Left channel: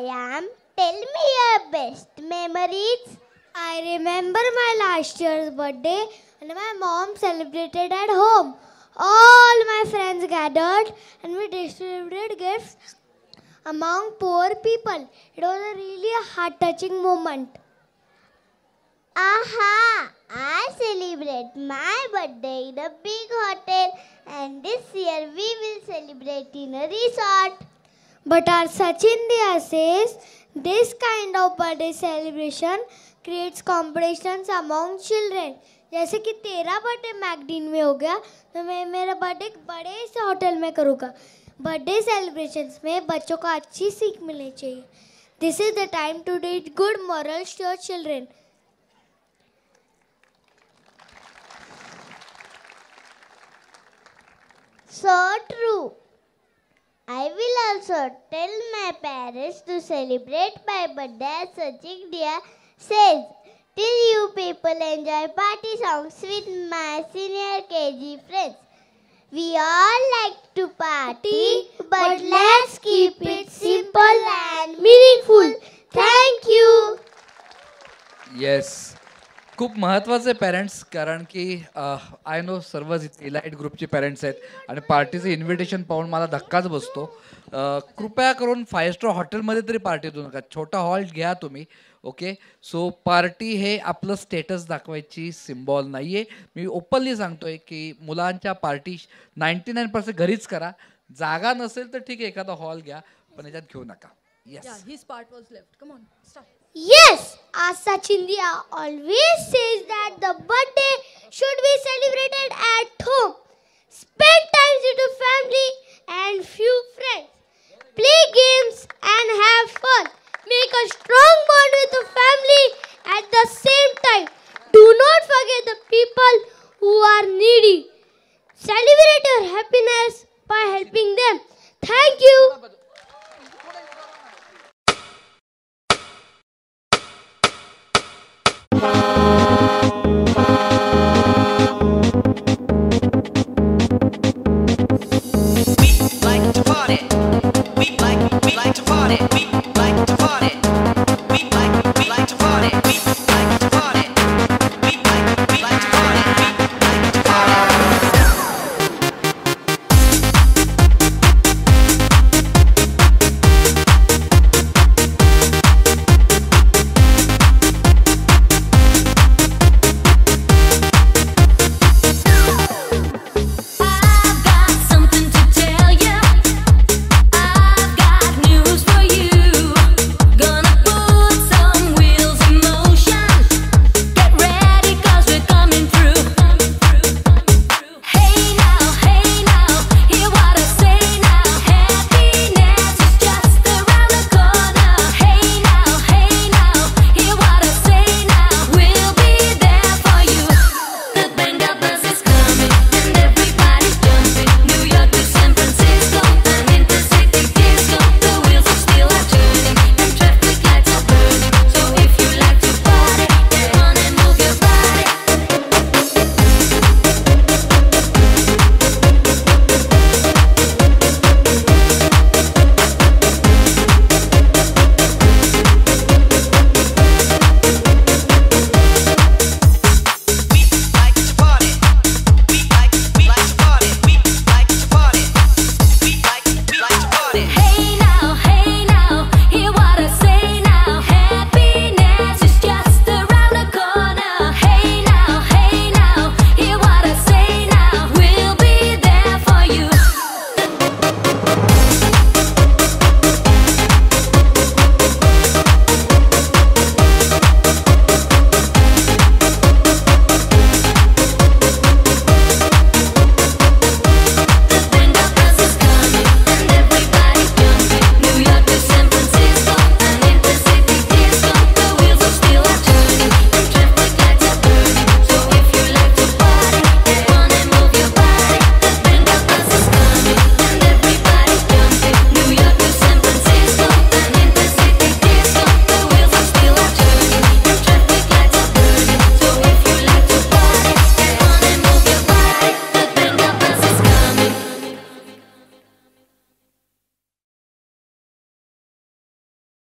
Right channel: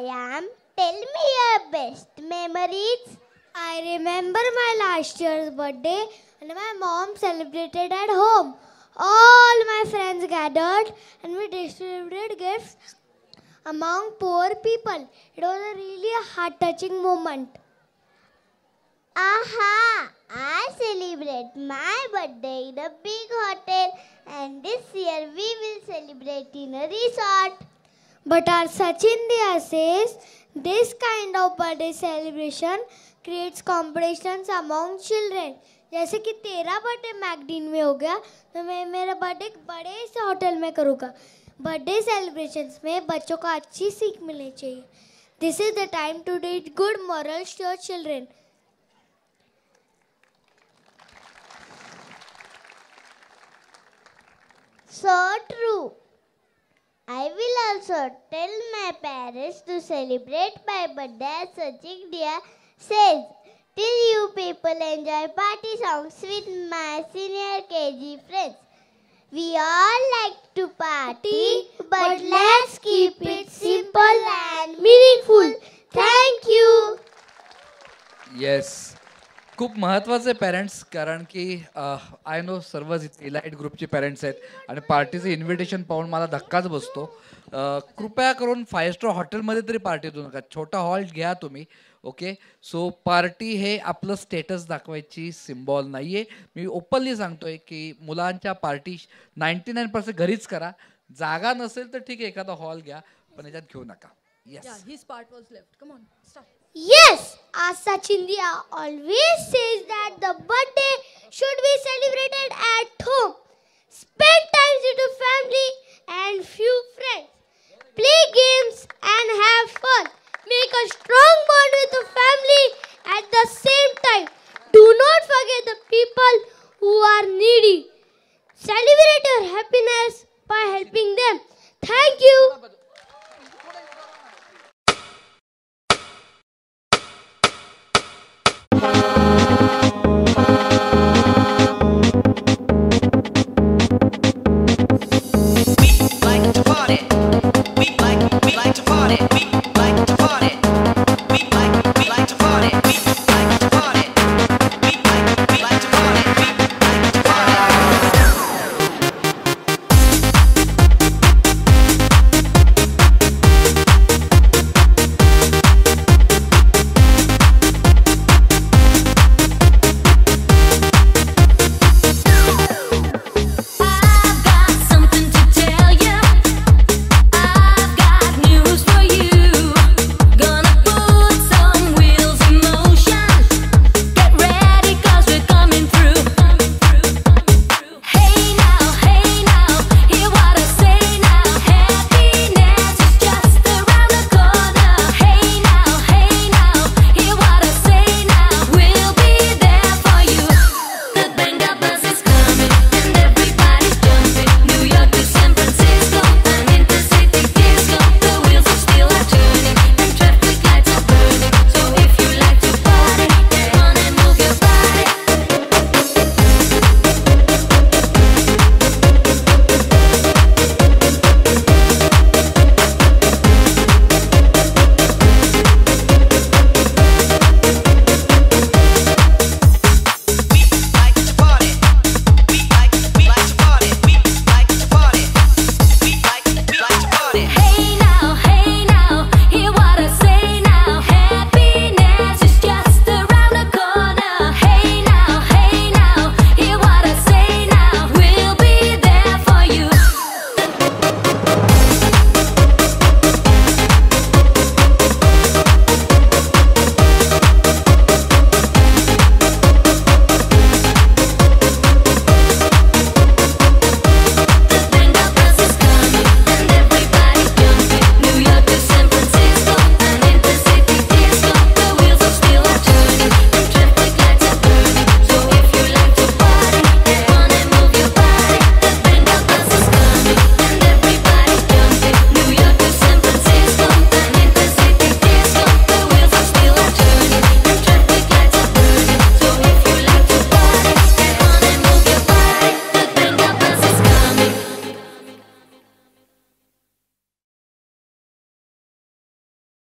Ayam. Tell me your best memories. I remember my last year's birthday and my mom celebrated at home. All my friends gathered and we distributed gifts among poor people. It was a really heart-touching moment. Aha! I celebrate my birthday in a big hotel, and this year we will celebrate in a resort. But our Sachin Dia says this kind of birthday celebration creates competitions among children. जैसे कि तेरा birthday मैकडीन में हो गया तो मैं मेरा birthday बड़े से होटल में करूँगा. बर्थडे सेलिब्रेशंस में बच्चों को अच्छी सीख मिलनी चाहिए. This is the time to teach good morals to your children. So true. I will also tell my parents to celebrate my birthday as Sachin Dia says. Till you people enjoy party songs with my senior KG friends. We all like to party, but let's keep it simple and meaningful. Thank you. Yes, खूप महत्वाचे parents, कारण की I know serve elite ग्रुपचे parents आहेत आणि पार्टीचं invitation पाहून मला धक्काच बसतो. कृपया करून 5 स्टार हॉटेलमध्ये तरी पार्टी देऊ नका, छोटा हॉल घ्या तुम्ही. ओके, सो पार्टी हे आपलं स्टेटस दाखवायची सिम्बॉल नाहीये. मी ओपनली सांगतोय की मुलांच्या पार्टी 99% घरीच करा. जागा नसेल तर ठीक आहे, एखादा हॉल घ्या, पण याच्यात घेऊ नका. Yeah, his part was left. Come on, start. Yes, as Sachin Dia always says that the birthday should be celebrated at home. Spend time with your family and few friends. Play games and have fun. Make a strong bond with the family at the same time. Do not forget the people who are needy. Celebrate your happiness by helping them. Thank you. Thank you.